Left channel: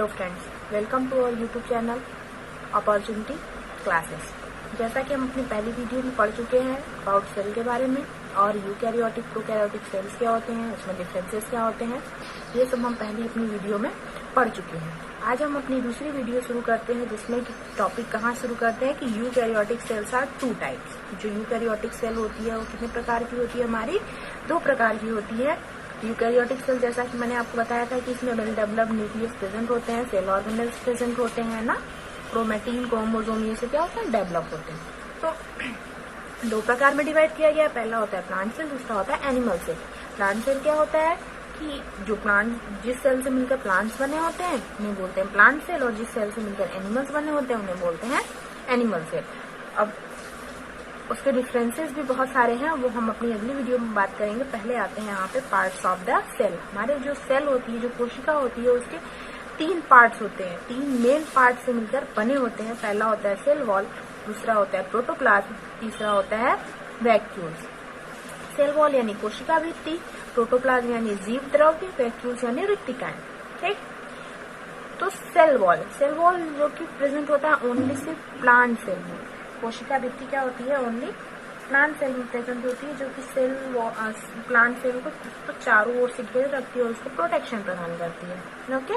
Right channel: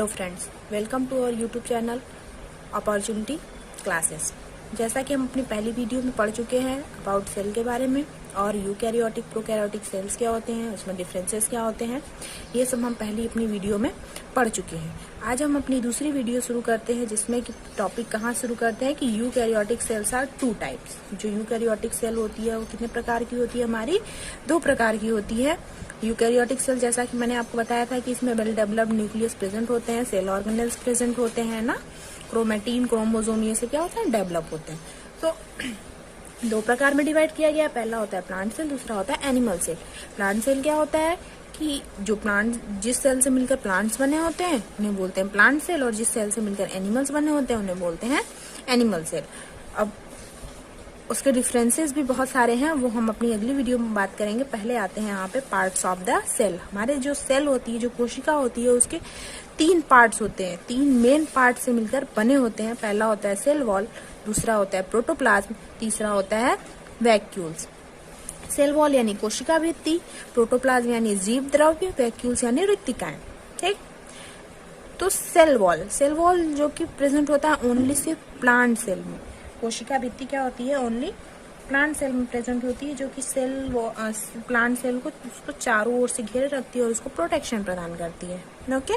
Hello friends, welcome to our YouTube channel opportunity classes. जैसा कि हम अपनी पहली वीडियो में पढ़ चुके हैं अबाउट सेल के बारे में और यूकैरियोटिक प्रोकैरियोटिक सेल्स क्या होते हैं, उसमें डिफरेंसेस क्या होते हैं, ये सब हम पहली अपनी वीडियो में पढ़ चुके हैं। आज हम अपनी दूसरी वीडियो शुरू करते हैं जिसमें कि टॉपिक कहाँ शुरू करते हैं कि eukaryotic cells are two types. जो यूकैरियोटिक सेल होती है वो कितने प्रकार की होती है, हमारी 2 प्रकार की होती है। यूकैरियोटिक सेल, जैसा कि मैंने आपको बताया था कि इसमें वेल डेवलप्ड न्यूक्लियस प्रेजेंट होते हैं, सेल ऑर्गेनेल्स प्रेजेंट होते हैं ना, क्रोमेटिन, क्रोमोसोम, ये सब क्या होते हैं, डेवलप होते हैं। तो 2 प्रकार में डिवाइड किया गया है। पहला होता है प्लांट सेल, दूसरा होता है एनिमल सेल। प्लांट सेल क्या होता है कि जो प्लांट जिस सेल से मिलकर प्लांट्स बने होते हैं उन्हें बोलते हैं प्लांट सेल, और जिस सेल से मिलकर एनिमल्स बने होते हैं उन्हें बोलते हैं एनिमल सेल। अब उसके डिफरेंसेस भी बहुत सारे हैं, वो हम अपनी अगली वीडियो में बात करेंगे। पहले आते हैं यहाँ पे पार्ट्स ऑफ द सेल। हमारे जो सेल होती है, जो कोशिका होती है, उसके 3 पार्ट्स होते हैं, 3 मेन पार्ट से मिलकर बने होते हैं। पहला होता है सेल वॉल, दूसरा होता है प्रोटोप्लाज्म, तीसरा होता है वैक्यूल्स। सेल वॉल यानी कोशिका भित्ति, प्रोटोप्लाज्म यानी जीव द्रव्य, वैक्यूल्स यानी रिक्तिकाएं। ठीक, तो सेल वॉल जो कि प्रेजेंट होता है ओनली सिर्फ प्लांट सेल में। कोशिका भित्ति क्या होती है, ओनली प्लांट सेल में प्रेजेंट होती है, जो कि प्लांट सेल को उसको चारों ओर से घेरे रखती है और उसको प्रोटेक्शन प्रदान करती है। ओके,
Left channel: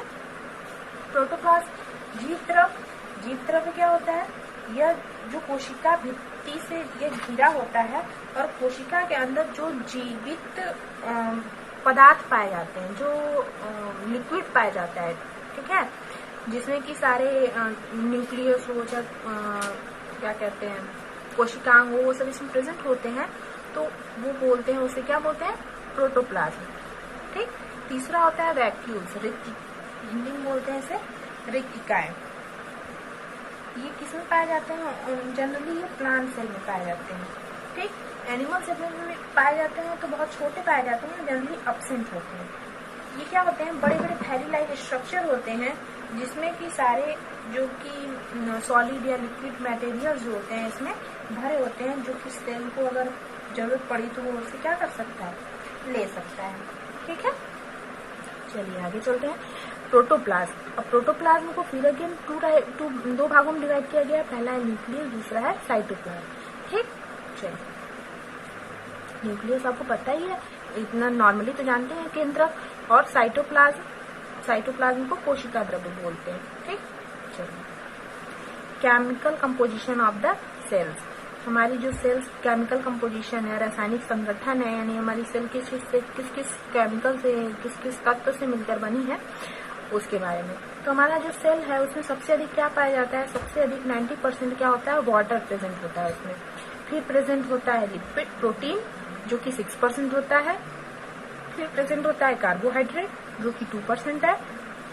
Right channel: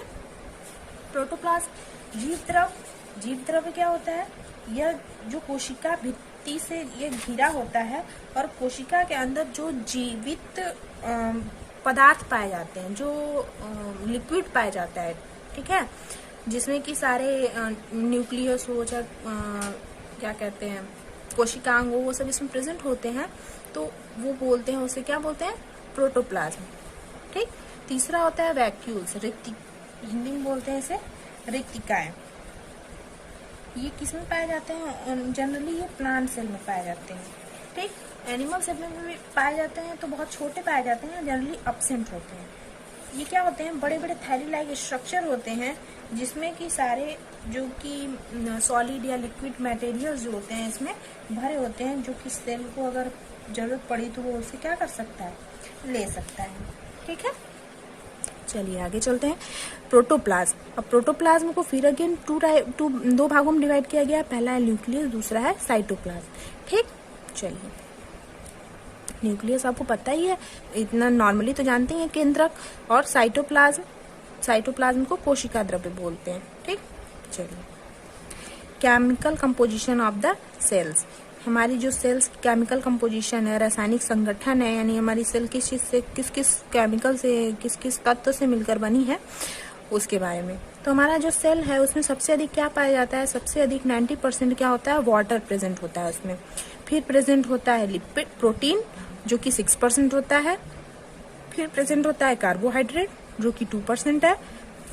प्रोटोप्लाज्म जीव द्रव्य क्या होता है, यह जो कोशिका भित्ति से ये घिरा होता है और कोशिका के अंदर जो जीवित पदार्थ पाए जाते हैं, जो लिक्विड पाया जाता है, ठीक है, जिसमें कि सारे न्यूक्लियस हो, क्या कहते हैं, कोशिकांग हो, वो सब इसमें प्रेजेंट होते हैं, तो वो बोलते हैं, उसे क्या बोलते हैं, प्रोटोप्लाज्म। ठीक, तीसरा होता है वैक्यूल्स, हिंदी में बोलते हैं इसे रिक्तिकाएं। ये किस में पाए जाते हैं, जनरली ये प्लांट सेल में पाए जाते हैं। ठीक, एनिमल सेल में पाए जाते हैं तो बहुत छोटे पाए जाते हैं, जनरली एब्सेंट होते हैं। ये क्या होते हैं, बड़े बड़े थैली लाइक स्ट्रक्चर होते हैं जिसमें कि सारे जो कि सॉलिड या लिक्विड मटेरियल्स जो होते हैं इसमें भरे होते हैं, जो कि सेल को अगर जरूरत पड़ी तो वो उसे क्या कर सकता है, ले सकता है। ठीक है, चलिए आगे चलते हैं। प्रोटोप्लाज्म। अब प्रोटोप्लाज्म को फिर अगेन 2 भागों में डिवाइड किया गया है। पहला है न्यूक्लियस, दूसरा है साइटोप्लाज्म। ठीक, चलिए, न्यूक्लियस आपको पता ही है, इतना नॉर्मली तो जानते हैं, केंद्रक, और साइटोप्लाज्म को कोशिका द्रव्य बोलते हैं। ठीक, चलिए, chemical composition of the cells. हमारी जो सेल्स केमिकल कंपोजिशन है, रासायनिक संगठन है, यानी हमारी सेल किस किस केमिकल से, किस तत्व से मिलकर बनी है, उसके बारे में। तो हमारा जो सेल है उसमें सबसे अधिक क्या पाया जाता है, सबसे अधिक 90% क्या होता है, वाटर प्रेजेंट होता है उसमें। फिर प्रेजेंट होता है लिपिड, प्रोटीन, जो कि 6% होता है। फिर प्रेजेंट होता है कार्बोहाइड्रेट, जो कि 2% है।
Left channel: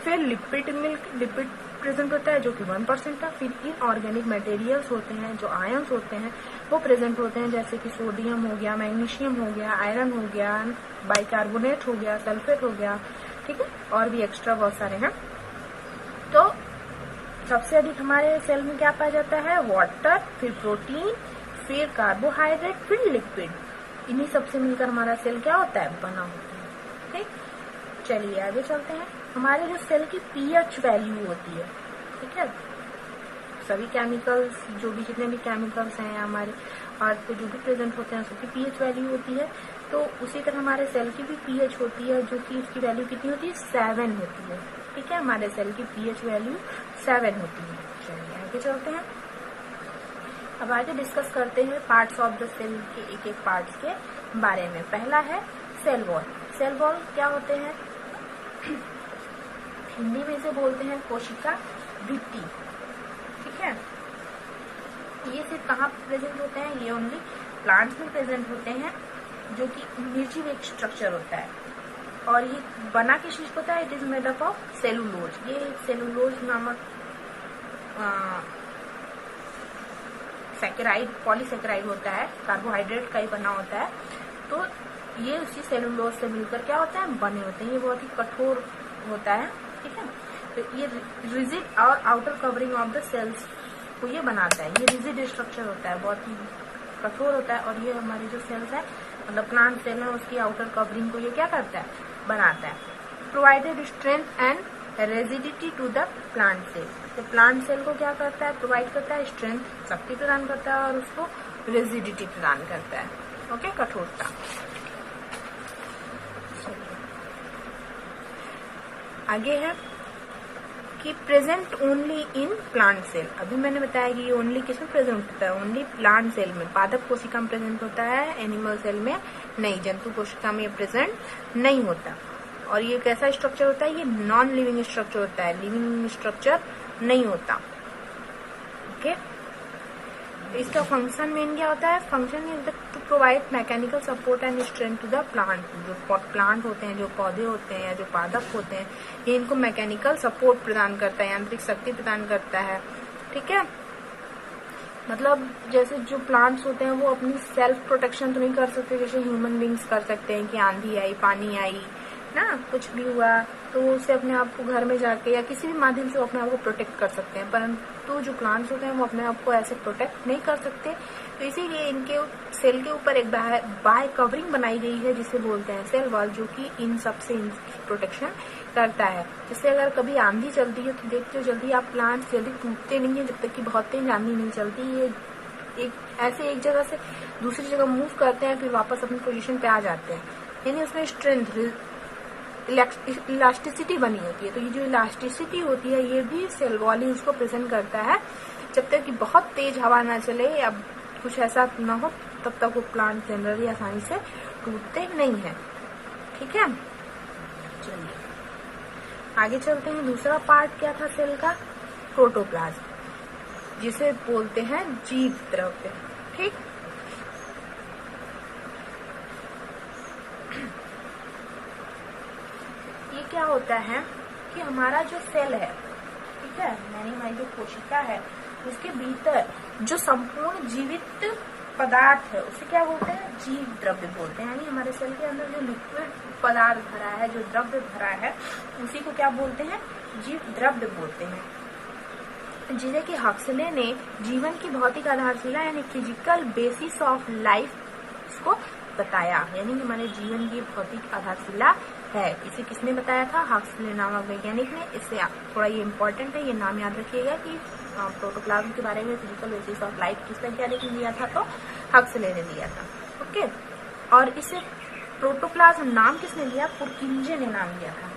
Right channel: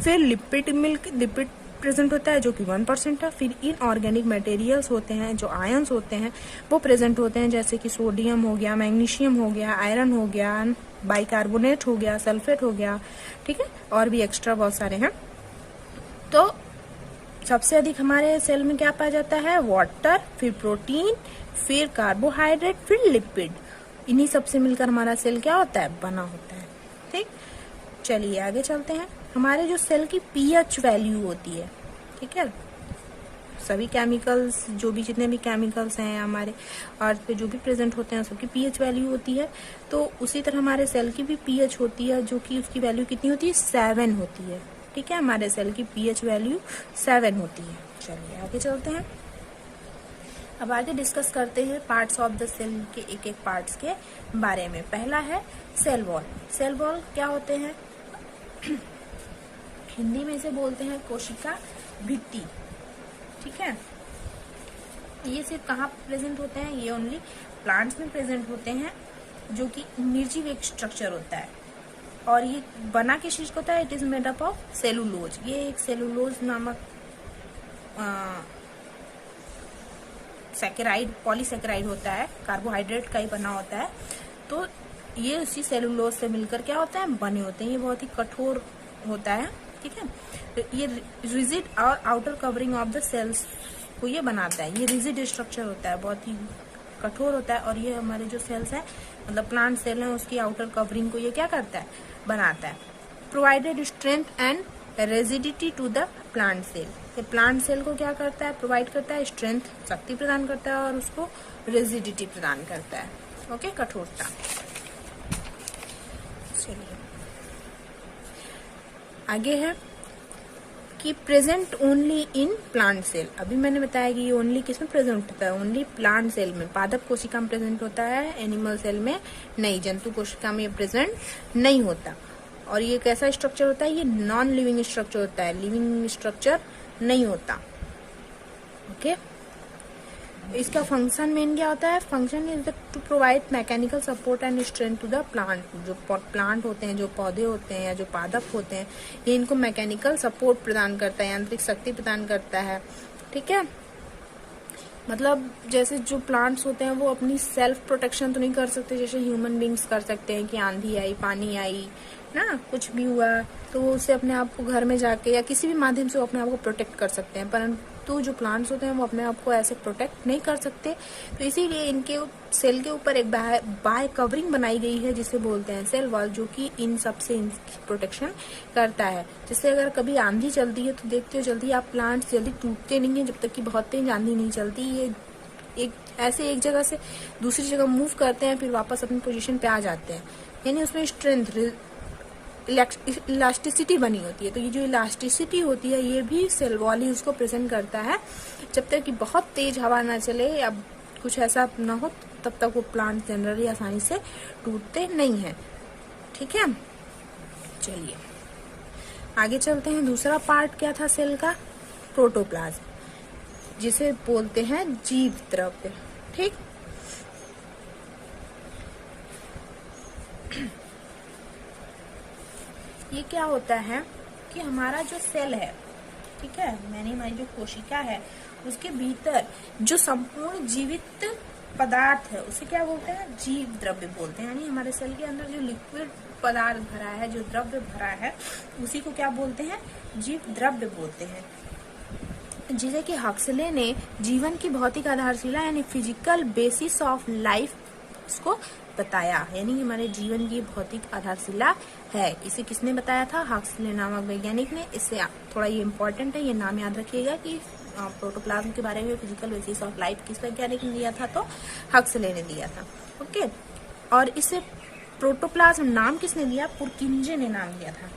फिर लिपिड प्रेजेंट होता है, जो कि 1% है। फिर इनऑर्गेनिक मटेरियल्स होते हैं, जो आयंस होते हैं, वो प्रेजेंट होते हैं, जैसे कि सोडियम हो गया, मैग्नीशियम हो गया, आयरन हो गया, बाइकार्बोनेट हो गया, सल्फेट हो गया, ठीक है, और भी एक्स्ट्रा बहुत सारे हैं। तो सबसे अधिक हमारे सेल में क्या पाया जाता है, वाटर, फिर प्रोटीन, फिर कार्बोहाइड्रेट, फिर लिपिड। इन्हीं सबसे मिलकर हमारा सेल क्या होता है, बना होता है। ठीक, चलिए आगे चलते हैं। हमारे जो सेल की पीएच वैल्यू होती है, ठीक है, सभी केमिकल्स, जो भी जितने भी केमिकल्स हैं हमारे अर्थ पे जो भी प्रेजेंट होते हैं, सबकी पीएच वैल्यू होती है। तो उसी तरह हमारे सेल की भी पीएच होती है, जो कि उसकी वैल्यू कितनी होती है, 7 होती है। ठीक है, हमारे सेल की पीएच वैल्यू 7 होती है। चलिए आगे चलते हैं। अब आगे डिस्कस करते हैं पार्ट्स ऑफ द सेल के एक पार्ट्स के बारे में। पहला है सेल वॉल। सेल वॉल क्या होते हैं, हिंदी में इसे बोलते हैं कोशिका भित्ति। ठीक है, ये सिर्फ कहाँ प्रेजेंट होते हैं, ये ओनली प्लांट्स में प्रेजेंट होते हैं, जो कि निर्जीव एक स्ट्रक्चर होता है। और ये बना किस चीज होता है, it is made up of cellulose. ये एक सेलुलोज नामक सैकेराइड, पॉलीसैकेराइड होता है, कार्बोहाइड्रेट का ही बना होता है। तो ये उसी सेलुलोज से मिलकर क्या होता है, बने होते हैं। ये बहुत ही कठोर होता है। ठीक है, तो ये रिजिड और outer covering of the cells को ये बनाता है। ये रिजिड स्ट्रक्चर होता है, बहुत ही कठोर होता है, और ये हमारी जो सेल्स है, मतलब प्लांट सेल है, उसकी आउटर कवरिंग को ये क्या करता है, बनाता है। Provided strength and rigidity to the plant cell. तो प्लांट सेल को क्या करता है, प्रोवाइड करता है स्ट्रेंथ, शक्ति प्रदान करता है, और उसको रेजिडिटी प्रदान करता है, ओके, कठोरता। चलिए आगे है कि present only in plant cell. अभी मैंने बताया कि ये ओनली किसमें प्रेजेंट होता है, ओनली प्लांट सेल में, पादप कोशिका में प्रेजेंट होता है, एनिमल सेल में नहीं, जंतु कोशिका में ये प्रेजेंट नहीं होता। और ये कैसा स्ट्रक्चर होता है, ये नॉन लिविंग स्ट्रक्चर होता है, लिविंग स्ट्रक्चर नहीं होता, ओके। इसका फंक्शन मेन क्या होता है, function is to provide mechanical support and strength to the plant. जो प्लांट होते हैं, जो पौधे होते हैं या जो पादप होते हैं, ये इनको मैकेनिकल सपोर्ट प्रदान करता है, यांत्रिक शक्ति प्रदान करता है, ठीक है। मतलब जैसे जो प्लांट्स होते हैं वो अपनी सेल्फ प्रोटेक्शन तो नहीं कर सकते जैसे ह्यूमन बींग्स कर सकते हैं, कि आंधी आई, पानी आई ना, कुछ भी हुआ तो उससे अपने आप को घर में जाके या किसी भी माध्यम से वो अपने आप को प्रोटेक्ट कर सकते हैं, परंतु जो प्लांट्स होते हैं वो अपने आप को ऐसे प्रोटेक्ट नहीं कर सकते। तो इसीलिए इनके सेल के ऊपर एक बाय कवरिंग बनाई गई है जिसे बोलते हैं सेल वॉल, जो कि इन सबसे इनकी प्रोटेक्शन करता है। जिससे अगर कभी आंधी चलती है तो देखते हो जल्दी आप प्लांट्स जल्दी टूटते नहीं है, जब तक कि बहुत तेज आंधी नहीं चलती। ये एक जगह से दूसरी जगह मूव करते हैं, फिर वापस अपनी पोजीशन पे आ जाते हैं, यानी उसमें स्ट्रेंथ, इलास्टिसिटी बनी होती है। तो ये जो इलास्टिसिटी होती है ये भी सेल वॉल ही उसको प्रेजेंट करता है। जब तक कि बहुत तेज हवा ना चले या कुछ ऐसा ना हो तब तक वो प्लांट जनरली आसानी से टूटते नहीं है, ठीक है। चलिए आगे चलते हैं। दूसरा पार्ट क्या था सेल का, प्रोटोप्लाज्म, जिसे बोलते हैं जीव द्रव्य, ठीक। ये क्या होता है कि हमारा जो सेल है, ठीक है, यानी हमारी जो कोशिका है उसके भीतर जो संपूर्ण जीवित पदार्थ है उसे क्या बोलते हैं, जीव द्रव्य बोलते हैं। यानी हमारे सेल के अंदर जो लिक्विड पदार्थ भरा है, जो द्रव्य भरा है, उसी को क्या बोलते हैं, जीव द्रव्य बोलते हैं। जिसे कि हक्सले ने जीवन की भौतिक आधारशिला यानी फिजिकल बेसिस ऑफ लाइफ उसको बताया, यानी हमारे जीवन की भौतिक आधारशिला है। इसे किसने बताया था, हक्सले नामक वैज्ञानिक ने। इससे थोड़ा ये इम्पोर्टेंट है, ये नाम याद रखिएगा कि प्रोटोप्लाज्म के बारे में फिजिकल बेसिस ऑफ लाइफ किस वैज्ञानिक ने दिया था, तो हक्सले ने दिया था, ओके। और इसे प्रोटोप्लाज्म नाम किसने दिया, पुरकिंजे ने नाम दिया था।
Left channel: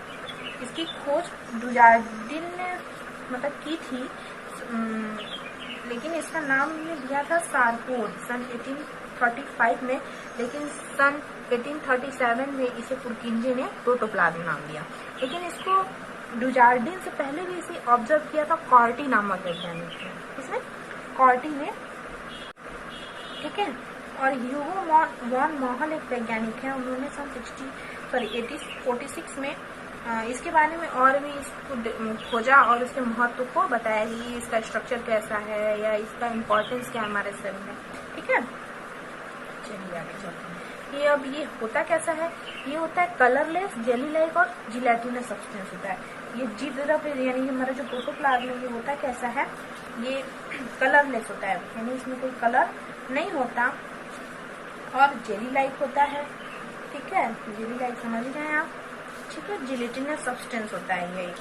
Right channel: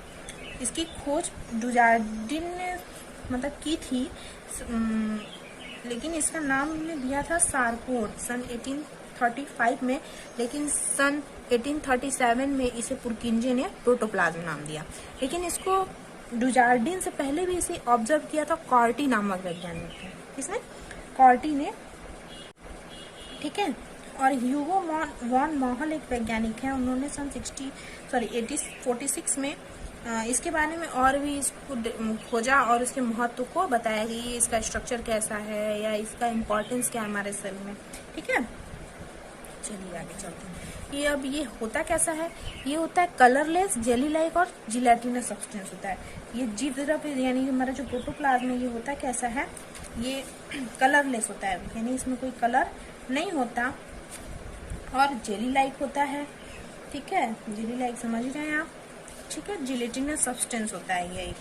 इसकी खोज डुजार्डिन ने मतलब की थी, लेकिन इसका नाम ये दिया था सारकोन सन 1835 में, लेकिन सन 1837 में इसे पुरकिंजे ने प्रोटोप्लाज्म नाम दिया। लेकिन इसको डुजार्डिन से पहले भी इसे ऑब्जर्व किया था कॉर्टी नामक वैज्ञानिक ने, इसने कॉर्टी ने, ठीक है। और ह्यूगो वॉन मॉहल एक वैज्ञानिक है, उन्होंने सन 1846 में इसके बारे में और भी इसको खोजा और इसके महत्व को बताया कि इसका स्ट्रक्चर कैसा है या इसका इम्पोर्टेंस क्या है हमारे सेल में, ठीक है। चलिए आगे चलते हैं। ये होता कैसा है, ये होता है कलरलेस, जेली लाइक और जिलेटिनस सब्सटेंस होता है। ये जीव द्रव्य यानी हमारा जो प्रोटोप्लाज्म है ये होता कैसा है, ये कलरलेस होता है, यानी इसमें कोई कलर नहीं होता, और जेली लाइक होता है, ठीक है। जेली लाइक समझ रहे हैं आप, ठीक है। जिलेटिनस सब्सटेंस होता है ये,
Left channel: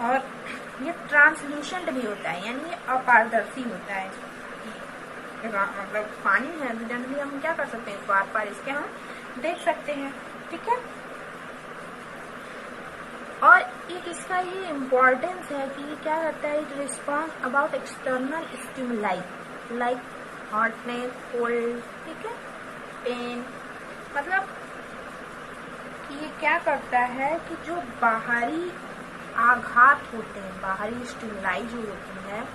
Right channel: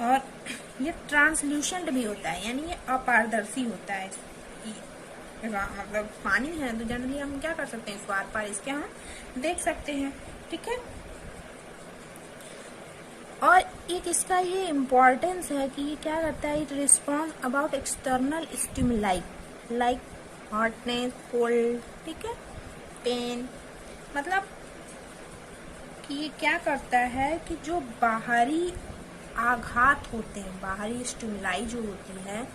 और ये ट्रांसल्यूसेंट भी होता है, यानी ये अपारदर्शी होता है। मतलब पानी है तो जनरली हम क्या कर सकते हैं, इसको आर पार इसके हम देख सकते हैं, ठीक है। और एक इसका ये इम्पोर्टेंस है कि ये क्या करता है, it respond about external stimuli like hotness, cold, ठीक है, पेन। मतलब कि ये क्या करता है कि जो बाहरी आघात होते हैं, बाहरी स्टिमुलाई जो होती है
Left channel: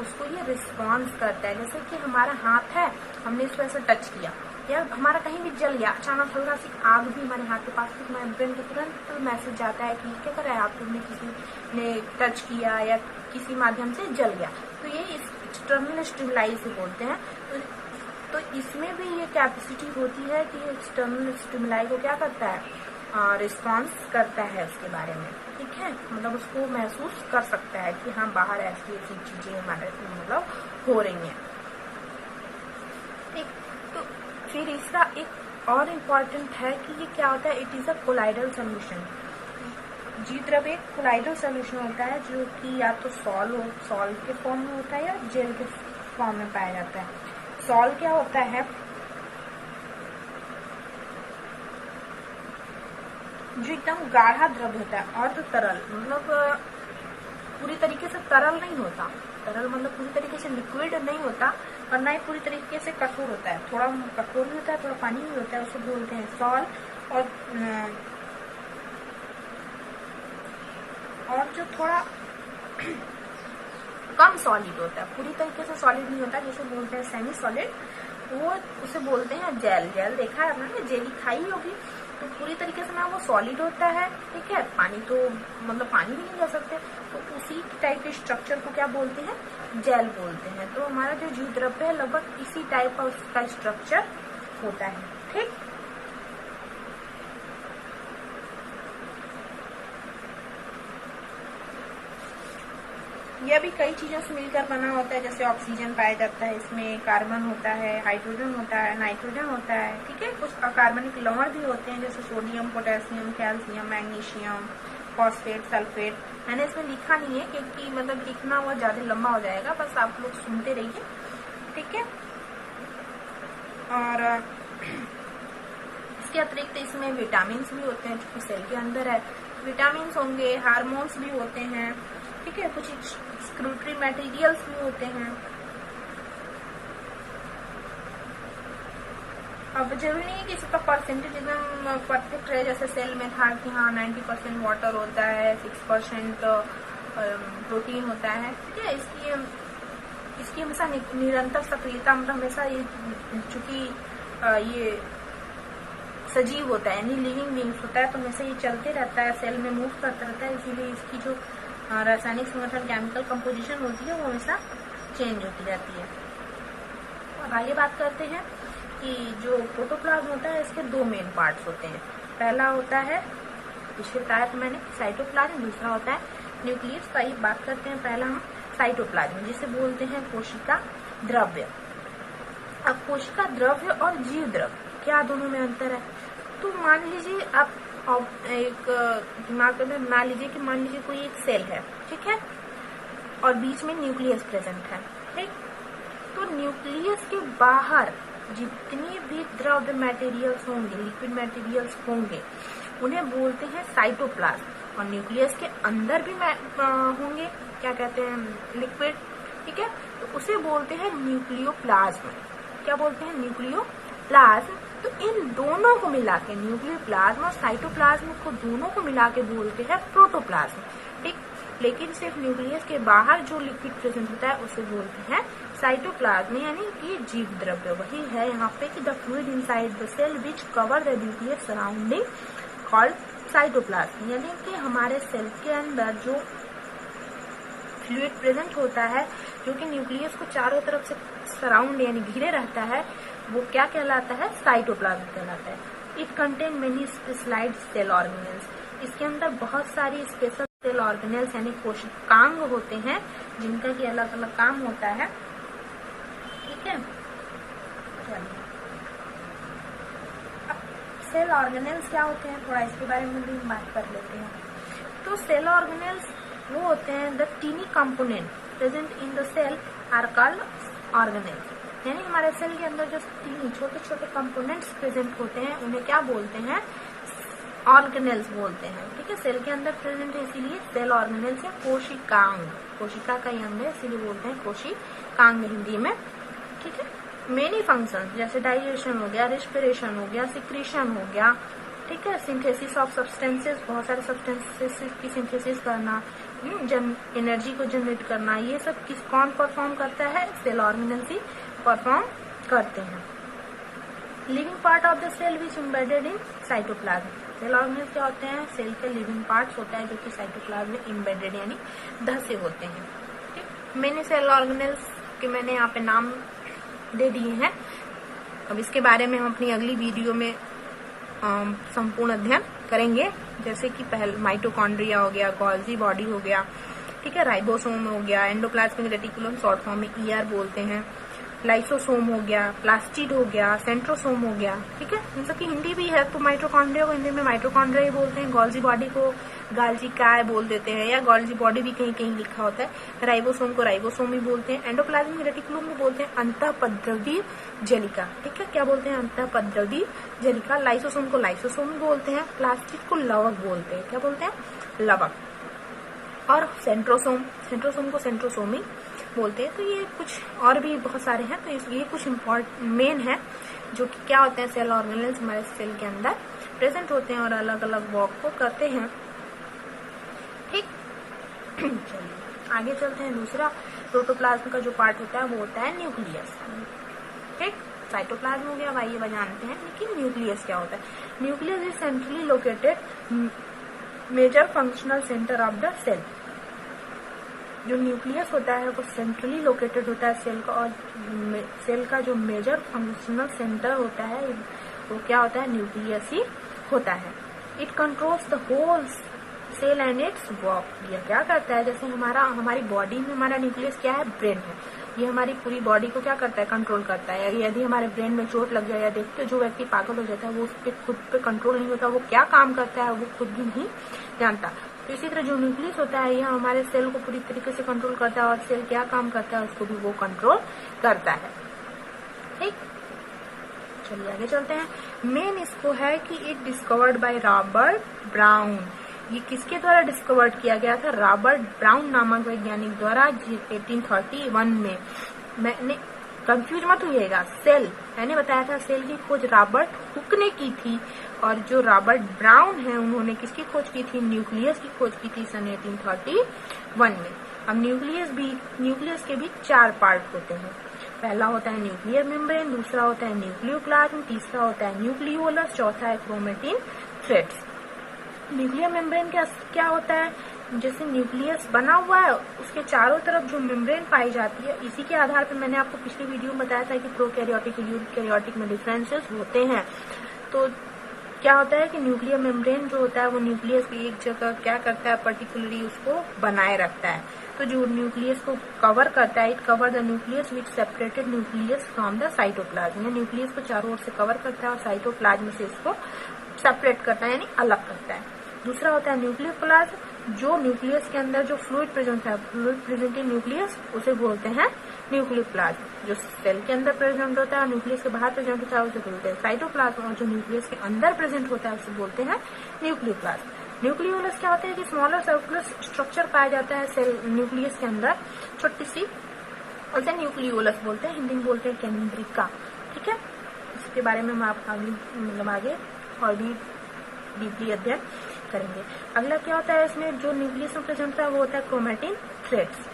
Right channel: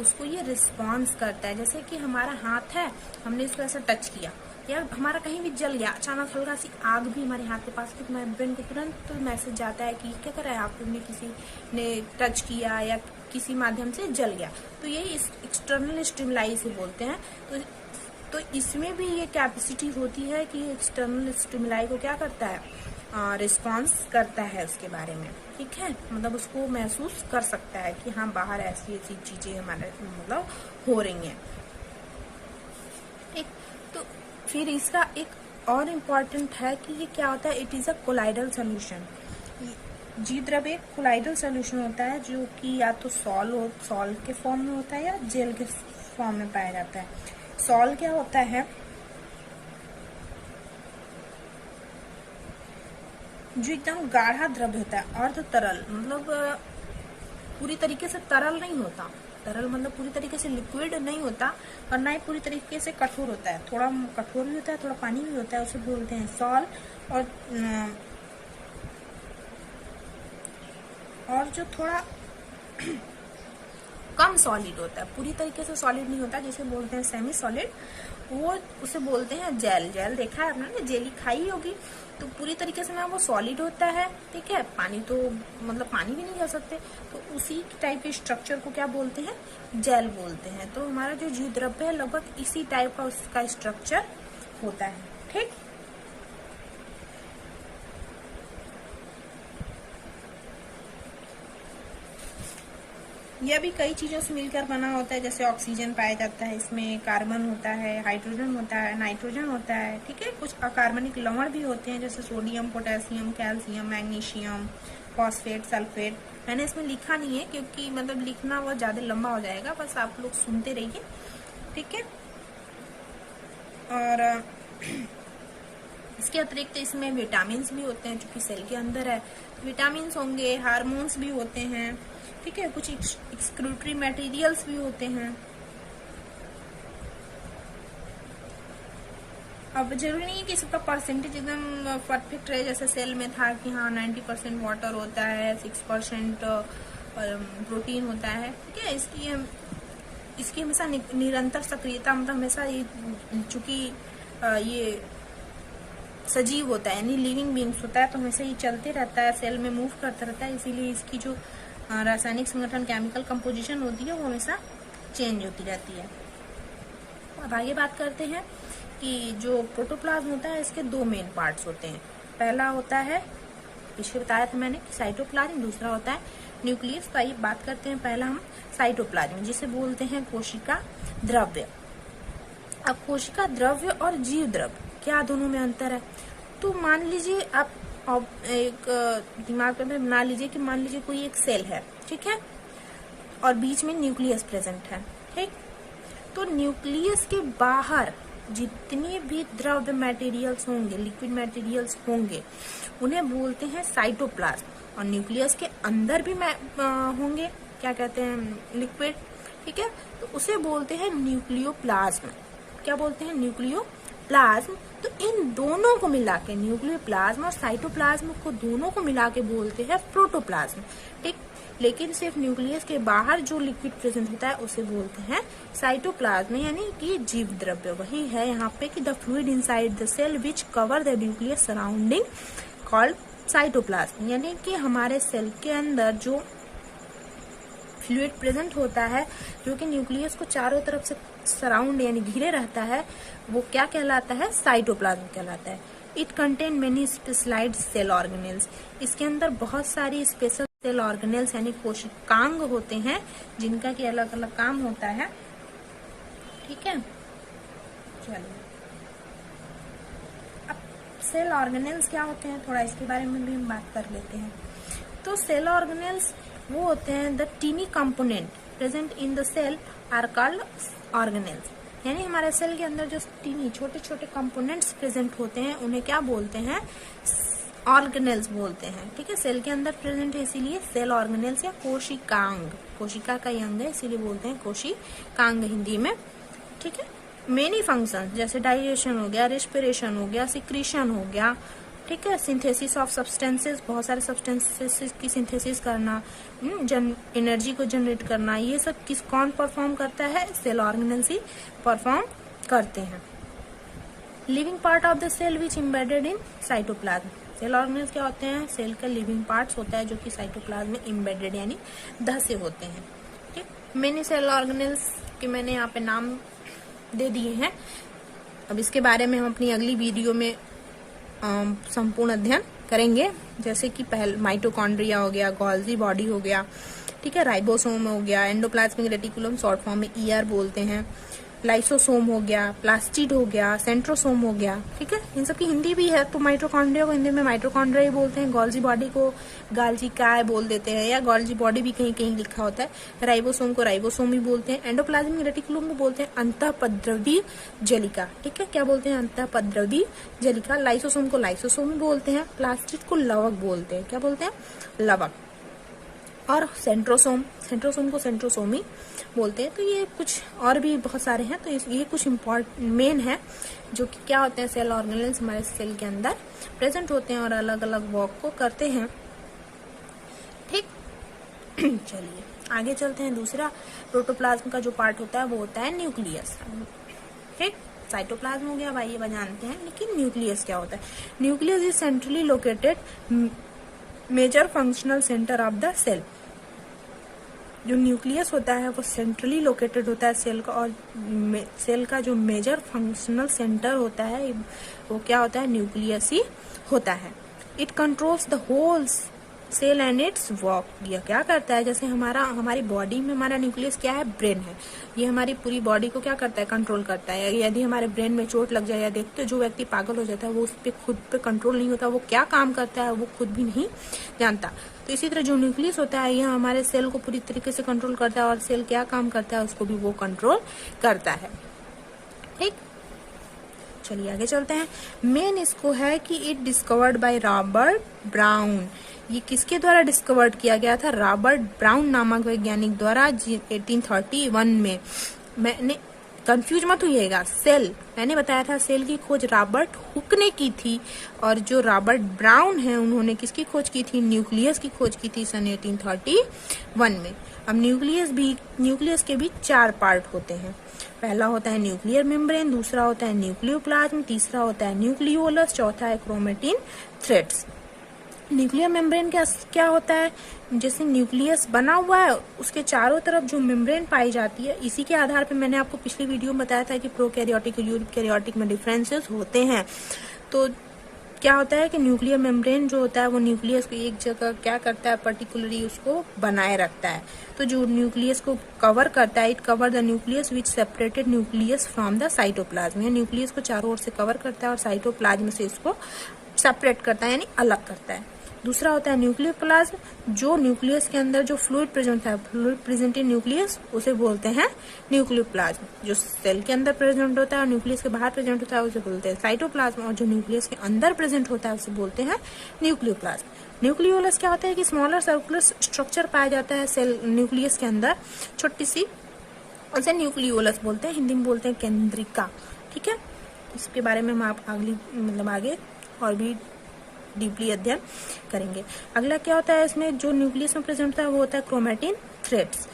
उसको ये रिस्पॉन्स करता है। जैसे कि हमारा हाथ है, हमने इसको ऐसे टच किया या हमारा कहीं भी जल गया, अचानक हल्का सी आग भी हमारे हाथ के पास, तो हमारे ब्रेन को तुरंत तो मैसेज जाता है कि क्या कर रहा है आपको, किसी ने टच किया या किसी माध्यम से जल गया, तो ये इस एक्सटर्नल स्टिमुलाई से बोलते हैं। तो इसमें भी ये कैपेसिटी होती है कि एक्सटर्नल स्टिमुलाई को क्या करता है, रिस्पॉन्स करता है उसके बारे में, ठीक है। मतलब उसको महसूस कर सकता है कि हाँ बाहर ऐसी ऐसी चीजें हमारे मतलब हो रही हैं, ठीक। तो फिर इसका एक और इम्पॉर्टेंट है कि ये क्या होता है, it is a colloidal solution, जीव द्रव्य एक कोलाइडल सोल्यूशन होता है जो कि या तो सॉल्ट के फॉर्म में होता है या जेल के फॉर्म में पाया जाता है। सॉल्ट क्या होता है, जो एकदम गाढ़ा द्रव्य होता है, और तो तरल मतलब पूरी तरीके से तरल नहीं होता, तरल मतलब पूरी तरीके से लिक्विड नहीं होता, और ना ही पूरी तरीके से कठोर होता है, थोड़ा कठोर भी होता है, थोड़ा पानी भी होता है, उसे बोलते हैं सॉल्ट। और जो थोड़ा कम सॉलिड होता है, पूरी तरीके से सॉलिड नहीं होता, जिसे बोलते हैं सेमी सॉलिड, वो उसे बोलते हैं जेल। जेल देखा है आपने, जेली खाई होगी, तो पूरी तरीके से ना वो सॉलिड होता है, ठीक है, पानी तो मतलब पानी भी नहीं कह सकते, तो उसी टाइप के स्ट्रक्चर को क्या बोलते हैं, जेल बोलते हैं। तो हमारा जो जीव द्रव्य है लगभग इसी टाइप का उसका स्ट्रक्चर होता है, ठीक। यह भी कई चीजों से मिलकर बना होता है, जैसे ऑक्सीजन पाया जाता है, इसमें कार्बन होता है, हाइड्रोजन होता है, नाइट्रोजन होता है, ठीक है। कुछ अकार्बनिक लवण भी होते हैं, जैसे sodium, potassium, calcium, magnesium, phosphate, sulphate. मैंने इसमें लिखा नहीं है क्योंकि मतलब लिखना बहुत ज्यादा लंबा हो जाएगा, बस आप लोग सुनते रहिए, ठीक है। और इसके अतिरिक्त इसमें विटामिन भी होते हैं, जो कि सेल के अंदर है, विटामिन होंगे, हार्मोन्स भी होते हैं, ठीक है, कुछ एक्सक्रीटरी मटेरियल्स भी होते हैं। अब जरूरी नहीं है कि इसका परसेंटेज एकदम परफेक्ट रहे, जैसे सेल में था कि हाँ 90% वाटर होता है, 6% प्रोटीन होता है, ठीक है। इसकी हमेशा निरंतर सक्रियता, मतलब हमेशा ये चूंकि ये सजीव होता है यानी लिविंग बींग्स होता है, तो हमेशा ये चलते रहता है, सेल में मूव करता रहता है, इसीलिए इसकी जो रासायनिक संगठन, केमिकल कंपोजिशन होती है, वो हमेशा चेंज होती रहती है। अब आगे बात करते हैं कि जो प्रोटोप्लाज्म होता है, इसके दो मेन पार्ट्स होते हैं। पहला होता है, पीछे बताया था मैंने, साइटोप्लाज्म, दूसरा होता है न्यूक्लियस। तो आइए बात करते हैं पहला हम साइटोप्लाज्म, जिसे बोलते हैं कोशिका द्रव्य। अब कोशिका द्रव्य और जीव द्रव्य क्या दोनों में अंतर है? तो मान लीजिए आप एक दिमाग में बना लीजिए कि मान लीजिए कोई एक सेल है, ठीक है, और बीच में न्यूक्लियस प्रेजेंट है, ठीक। तो न्यूक्लियस के बाहर जितने भी द्रव्य मटेरियल्स होंगे, लिक्विड मटेरियल्स होंगे, उन्हें बोलते हैं साइटोप्लाज्म। और न्यूक्लियस के अंदर भी होंगे, क्या कहते हैं, लिक्विड, ठीक है, तो उसे बोलते हैं न्यूक्लियोप्लाज्म। क्या बोलते हैं? न्यूक्लियोप्लाज्म। तो इन दोनों को मिला के, न्यूक्लियोप्लाज्म और साइटोप्लाज्म को दोनों को मिला के बोलते हैं प्रोटोप्लाज्म, ठीक। लेकिन सिर्फ न्यूक्लियस के बाहर जो लिक्विड प्रेजेंट होता है उसे बोलते हैं साइटोप्लाज्म, यानी कि जीव द्रव्य। वही है यहाँ पे कि the fluid inside the cell which cover the nucleus surrounding called cytoplasm, यानी कि हमारे सेल के अंदर जो फ्लूइड प्रेजेंट होता है, जो कि न्यूक्लियस को चारों तरफ से सराउंड यानी घिरे रहता है, वो क्या कहलाता है? साइटोप्लाज्म कहलाता है। It contain many specialized cell organelles. इसके अंदर बहुत सारी स्पेशल सेल ऑर्गेनेल्स यानी कोशिकांग होते हैं, जिनका की अलग अलग काम होता है, ठीक है। चलिए, अब सेल ऑर्गेनेल्स क्या होते हैं, थोड़ा इसके बारे में भी बात कर लेते हैं। तो सेल ऑर्गेनेल्स वो होते हैं the tiny component present in the cell are called organelles, यानी हमारे सेल के अंदर जो टीनी छोटे छोटे कंपोनेंट्स प्रेजेंट होते हैं, उन्हें क्या बोलते हैं? ऑर्गेनेल्स बोलते हैं, ठीक है। सेल के अंदर प्रेजेंट है, इसीलिए सेल ऑर्गेनेल्स या कोशिकांग, कोशिका का ही अंग है, इसीलिए बोलते हैं कोशिकांग हिंदी में, ठीक है। मेनी फंक्शन जैसे डाइजेशन हो गया, रेस्पिरेशन हो गया, सिक्रीशन हो गया, ठीक है, सिंथेसिस ऑफ सब्सटेंसेस, बहुत सारे सब्सटेंसेस की सिंथेसिस करना, एनर्जी को जनरेट करना, ये सब कौन परफॉर्म करता है? सेल ऑर्गेनेल्स ही परफॉर्म करते हैं। Living part of the cell which embedded in cytoplasm. Cell organelles क्या होते हैं? सेल का लिविंग पार्ट्स होता है जो कि साइटोप्लाज्म में एम्बेडेड यानी धसे होते हैं, ठीक। मैंने सेल ऑर्गेनेल्स के मैंने यहाँ पे नाम दे दिए हैं। अब इसके बारे में हम अपनी अगली वीडियो में संपूर्ण अध्ययन करेंगे, जैसे कि पहले माइटोकॉन्ड्रिया हो गया, गोल्जी बॉडी हो गया, ठीक है, राइबोसोम हो गया, एंडोप्लाज्मिक रेटिकुलम शॉर्ट फॉर्म में ER बोलते हैं, लाइसोसोम हो गया, प्लास्टिड हो गया, सेंट्रोसोम हो गया, ठीक है। इन सब की हिंदी भी है, तो माइटोकॉन्ड्रिया को हिंदी में माइटोकॉन्ड्रिया ही बोलते हैं, गोल्जी बॉडी को गाल्जी काय बोल देते हैं, या गोल्जी बॉडी भी कहीं कहीं लिखा होता है। राइबोसोम को राइबोसोम ही बोलते हैं। एंडोप्लाज्मिक रेटिकुलम को बोलते हैं अंतःपद्रवी जलिका, ठीक है। क्या बोलते हैं? अंतःपद्रवी जलिका। लाइसोसोम को लाइसोसोम बोलते हैं। प्लास्टिड को लवक बोलते हैं। क्या बोलते हैं? लवक। और सेंट्रोसोम को सेंट्रोसोमी बोलते हैं। तो ये कुछ और भी बहुत सारे हैं, तो ये कुछ मेन है जो कि क्या होते हैं, सेल ऑर्गेनेल्स हमारे सेल के अंदर प्रेजेंट होते हैं और अलग अलग वर्क को करते हैं, ठीक। चलिए आगे चलते हैं। दूसरा प्रोटोप्लाज्म का जो पार्ट होता है वो होता है न्यूक्लियस, ठीक। साइटोप्लाज्म हो गया, भाई ये जानते हैं, लेकिन न्यूक्लियस क्या होता है? Nucleus is centrally located major functional centre of the cell. जो न्यूक्लियस होता है वो सेंट्रली लोकेटेड होता है सेल का, और सेल का जो मेजर फंक्शनल सेंटर होता है वो क्या होता है? न्यूक्लियस ही होता है। It controls the whole cell and its work. ये क्या करता है? जैसे हमारी बॉडी में हमारा न्यूक्लियस क्या है? ब्रेन है। ये हमारी पूरी बॉडी को क्या करता है? कंट्रोल करता है। यदि हमारे ब्रेन में चोट लग जाए या देखते जो व्यक्ति पागल हो जाता है वो उस पर खुद पे कंट्रोल नहीं होता, वो क्या काम करता है वो खुद भी नहीं जानता। तो इसी तरह जो न्यूक्लियस होता है यह हमारे सेल को पूरी तरीके से कंट्रोल करता है, और सेल क्या काम करता है उसको भी वो कंट्रोल करता है, ठीक। चलिए आगे चलते हैं। मेन इसको है कि it discovered by Robert brown. ये किसके द्वारा डिस्कवर्ड किया गया था? रॉबर्ट ब्राउन नामक वैज्ञानिक द्वारा 1831 में। मैंने कंफ्यूज मत होइएगा, सेल मैंने बताया था सेल की खोज रॉबर्ट हुक ने की थी, और जो रॉबर्ट ब्राउन है उन्होंने किसकी खोज की थी? न्यूक्लियस की खोज की थी सन 1831 में। अब न्यूक्लियस के भी 4 पार्ट होते हैं। पहला होता है न्यूक्लियर मेम्ब्रेन, दूसरा होता है न्यूक्लियोप्लाज्म, तीसरा होता है न्यूक्लियोलस, चौथा है क्रोमेटिन थ्रेड्स। न्यूक्लियर मेम्ब्रेन क्या होता है? जैसे न्यूक्लियस बना हुआ है उसके चारों तरफ जो मेम्ब्रेन पाई जाती है, इसी के आधार पर मैंने आपको पिछली वीडियो में बताया था कि प्रोकैरियोटिक और यूकैरियोटिक में डिफरेंसेस होते हैं। तो क्या होता है कि न्यूक्लियर मेम्ब्रेन जो होता है वो न्यूक्लियस को एक जगह क्या करता है? पर्टिकुलरली उसको बनाए रखता है। तो जो न्यूक्लियस को कवर करता है, it cover the nucleus which separated nucleus from the cytoplasm. Nucleus को चारों ओर से कवर करता है और साइटोप्लाज्म से उसको सेपरेट करता है, यानी अलग करता है। दूसरा होता है न्यूक्लियोप्लाज्म, जो न्यूक्लियस के अंदर जो फ्लूइड प्रेजेंट है, फ्लूइड प्रेजेंट इन न्यूक्लियस, उसे बोलते हैं न्यूक्लियोप्लाज्म। जो सेल के अंदर प्रेजेंट होता है और न्यूक्लियस के बाहर प्रेजेंट होता है उसे बोलते हैं साइटोप्लाज्म, और जो न्यूक्लियस के अंदर प्रेजेंट होता है उसे बोलते हैं न्यूक्लियोप्लाज्म। न्यूक्लियोलस क्या होता है कि स्मॉलर सर्कुलर स्ट्रक्चर पाया जाता है सेल न्यूक्लियस के अंदर, छोटी सी, उसे न्यूक्लियोलस बोलते हैं, हिंदी में बोलते हैं केंद्रिका, ठीक है। इसके बारे में हम आपका आगे और भी डीपली अध्ययन करेंगे। अगला क्या होता है? इसमें जो न्यूक्लियस में प्रेजेंट होता है वो होता है क्रोमेटिन थ्रेड्स,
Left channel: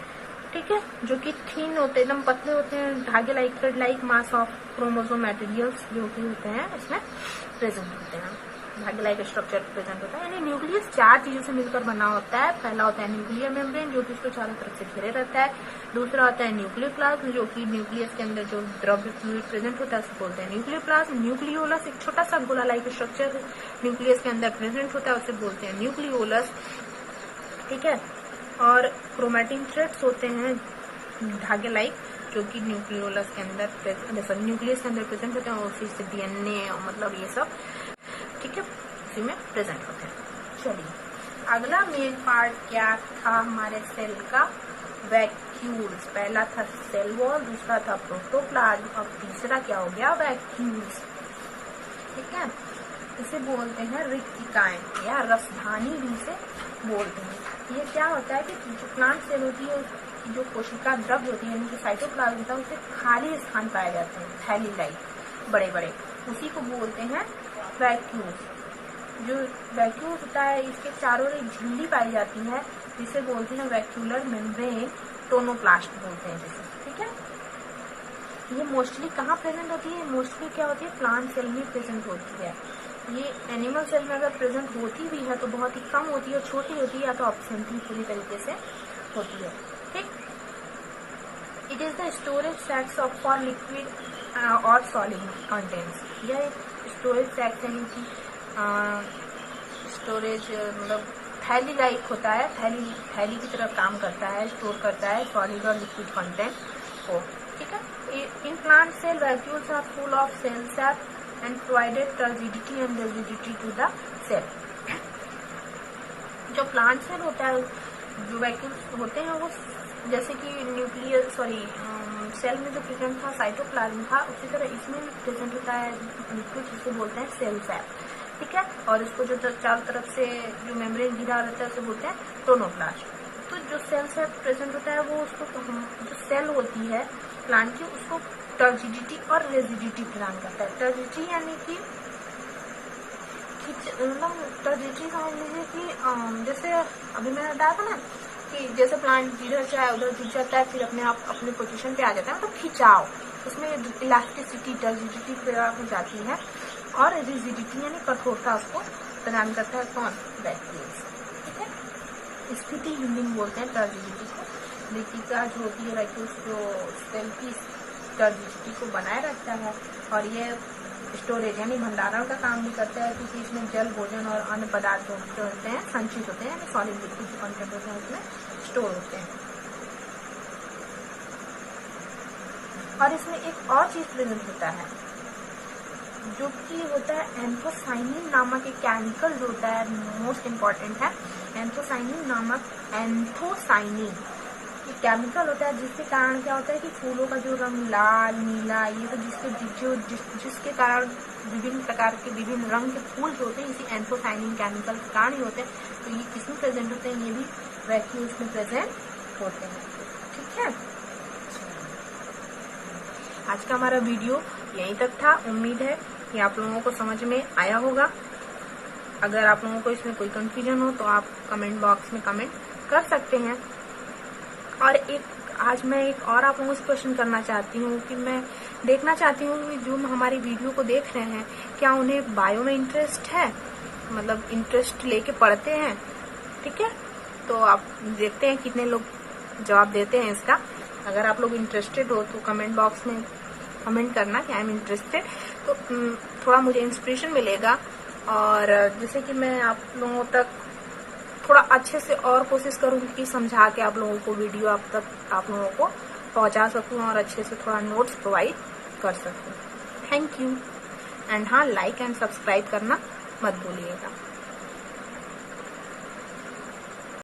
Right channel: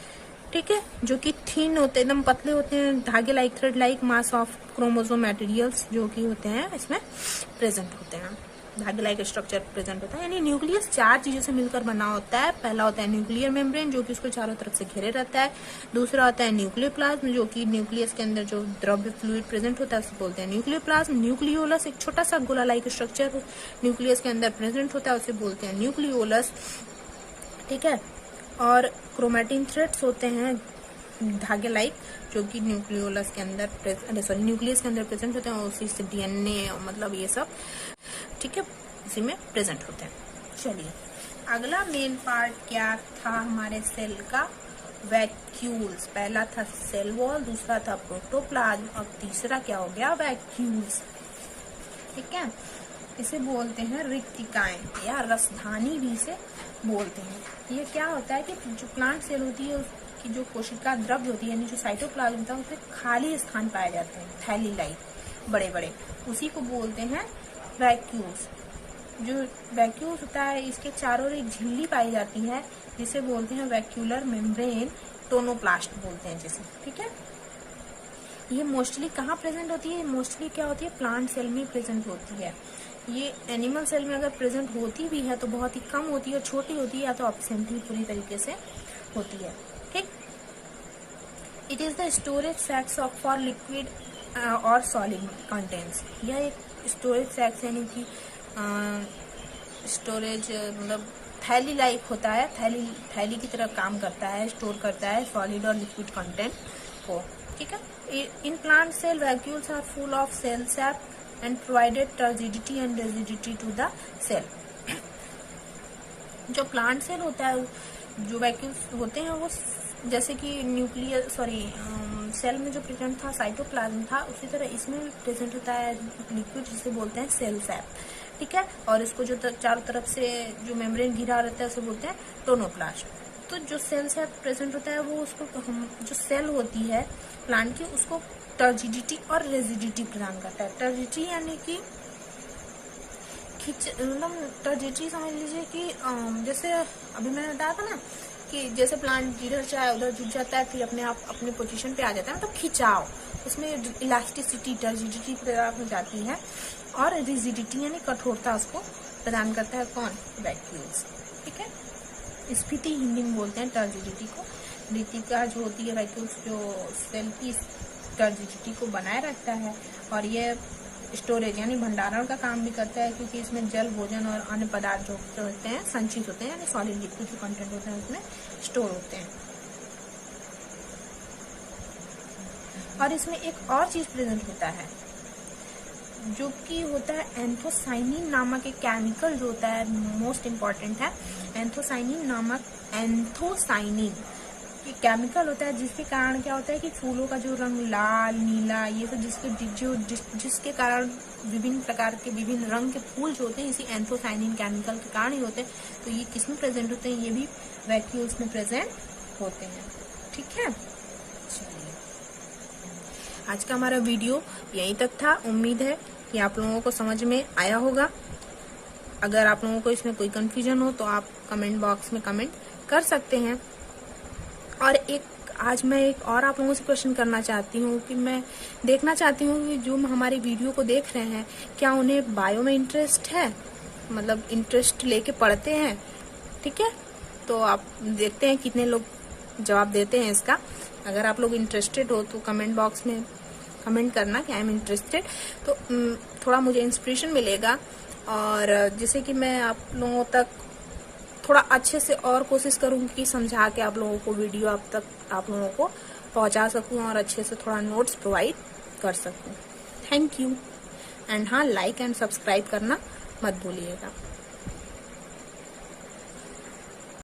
ठीक है, जो कि थिन होते हैं, एकदम पतले होते हैं, धागे like, thread like mass of chromosome materials जो कि होते हैं इसमें प्रेजेंट होते हैं, धागे लाइक स्ट्रक्चर प्रेजेंट होता है। यानी न्यूक्लियस 4 चीजों से मिलकर बना होता है। पहला होता है न्यूक्लियर मेम्ब्रेन जो कि उसको चारों तरफ से घेरे रहता है। दूसरा होता है न्यूक्लियोप्लाज्म जो कि न्यूक्लियस के अंदर जो द्रव्य फ्लूइड प्रेजेंट होता है उसे बोलते हैं न्यूक्लियोप्लाज्म। न्यूक्लियोलस एक छोटा सा गोला लाइक स्ट्रक्चर न्यूक्लियस के अंदर प्रेजेंट होता है, उसे बोलते हैं न्यूक्लियोलस, ठीक है। और क्रोमेटिन थ्रेड्स होते हैं धागे लाइक, जो कि न्यूक्लियोलस के अंदर न्यूक्लियस के अंदर प्रेजेंट होते हैं, उसी से डीएनए मतलब ये सब, ठीक है, इसी में प्रेजेंट होते हैं। चलिए अगला मेन पार्ट क्या था हमारे सेल का? वैक्यूल्स। पहला था सेल वॉल, दूसरा था प्रोटोप्लाज्म, अब तीसरा क्या हो गया? वैक्यूल्स, ठीक है। इसे बोलते हैं रिक्तिकाएं या रसधानी भी से बोलते हैं। ये क्या होता है कि जो प्लांट सेल होती है उसकी जो कोशिका द्रव्य होती है, यानी जो साइटोप्लाज्म था, उसे खाली स्थान पाए जाते हैं, थैली लाइक बड़े बड़े, उसी को बोलते हैं वैक्यूल्स। जो वैक्यूल्स होता है इसके चारों ओर एक झिल्ली पाई जाती है जिसे बोलते हैं वैक्यूलर मेम्ब्रेन, टोनोप्लास्ट बोलते हैं जिसे, ठीक है। ये मोस्टली कहाँ प्रेजेंट होती है? मोस्टली क्या होती है? प्लांट सेल में प्रेजेंट होती है। ये एनिमल सेल में अगर प्रेजेंट होती भी है तो बहुत ही कम होती है, छोटी होती है, या तो एब्सेंटली पूरी तरीके से होती है, ठीक। It is the storage sacs of for liquid और सॉलिड कंटेंट्स। यह एक स्टोरेज सैक्स यानी कि स्टोरेज मतलब थैली लाइक होता है, थैली की तरह काम करता है, स्टोर करता है सॉलिड और लिक्विड कंटेंट को, ठीक है। In plant cell, vacuoles are full of cell sap and provided turgidity and rigidity to the cell. जो प्लांट सेल होता है, जो वैक्यूल्स होते हैं वो जैसे कि न्यूक्लियर सेल में जो प्रेजेंट था साइटोप्लाज्म था, उसी तरह इसमें भी प्रेजेंट होता है लिक्विड जिसको बोलते हैं सेल सैप, ठीक है। और इसको जो चारों तरफ से जो मेम्ब्रेन घिरा रहता है उसे बोलते हैं टोनोप्लास्ट। तो जो सेल सैप प्रेजेंट होता है वो उसको जो सेल होती है प्लांट की उसको टर्जिडिटी और रेजिडिटी प्रदान करता है। टर्जिडिटी यानी कि टर्जिडिटी समझ लीजिए कि जैसे अभी मैंने बताया था ना कि जैसे प्लांट इधर चाहे उधर झुक जाता है, फिर अपने आप अपने पोजीशन पे आ जाता है, मतलब खिंचाव, उसमें इलास्टिसिटी टर्जिडिटी प्रदान हो जाती है। और रिजिडिटी यानी कठोरता उसको प्रदान करता है कौन, वैक्यूल्स, ठीक है। स्फीति हिंडिंग बोलते हैं टर्जिडिटी को। रिटिका जो होती है वैक्यूल्स जो सेल की टर्जिडिटी को बनाए रखता है, और ये स्टोरेज यानी भंडारण का काम भी करता है, क्योंकि इसमें जल, भोजन और अन्य पदार्थ जो होते हैं संचित होते हैं, यानी सॉलिड लिक्विड जो कंटेंट होते हैं उसमें स्टोर होते हैं। और इसमें एक और चीज प्रेजेंट होता है जो कि होता है एंथोसाइनिन नामक एक केमिकल जो होता है, मोस्ट इम्पॉर्टेंट है। एंथोसाइनिन नामक एंथोसाइनिन केमिकल होता है, जिसके कारण क्या होता है कि फूलों का जो रंग लाल, नीला, ये सब जिसके कारण विभिन्न प्रकार के विभिन्न रंग के फूल जो होते हैं इसी एंथोसाइनिन केमिकल के कारण ही होते हैं। तो ये किसमें प्रेजेंट होते हैं, ये भी वैक्यूल्स में प्रेजेंट होते हैं, ठीक है। आज का हमारा वीडियो यहीं तक था। उम्मीद है कि आप लोगों को समझ में आया होगा। अगर आप लोगों को इसमें कोई कंफ्यूजन हो तो आप कमेंट बॉक्स में कमेंट कर सकते हैं। और आज मैं एक और आप लोगों से क्वेश्चन करना चाहती हूँ कि मैं देखना चाहती हूँ कि जो हमारी वीडियो को देख रहे हैं क्या उन्हें बायो में इंटरेस्ट है, मतलब इंटरेस्ट लेके पढ़ते हैं, ठीक है। तो आप देखते हैं कितने लोग जवाब देते हैं इसका। अगर आप लोग इंटरेस्टेड हो तो कमेंट बॉक्स में कमेंट करना कि आई एम इंटरेस्टेड, तो थोड़ा मुझे इंस्पिरेशन मिलेगा, और जिससे कि मैं आप लोगों तक थोड़ा अच्छे से और कोशिश करूंगी कि समझा के आप लोगों को वीडियो आप लोगों को पहुंचा सकूं और अच्छे से थोड़ा नोट्स प्रोवाइड कर सकूं। Thank you. एंड हाँ, लाइक एंड सब्सक्राइब करना मत भूलिएगा।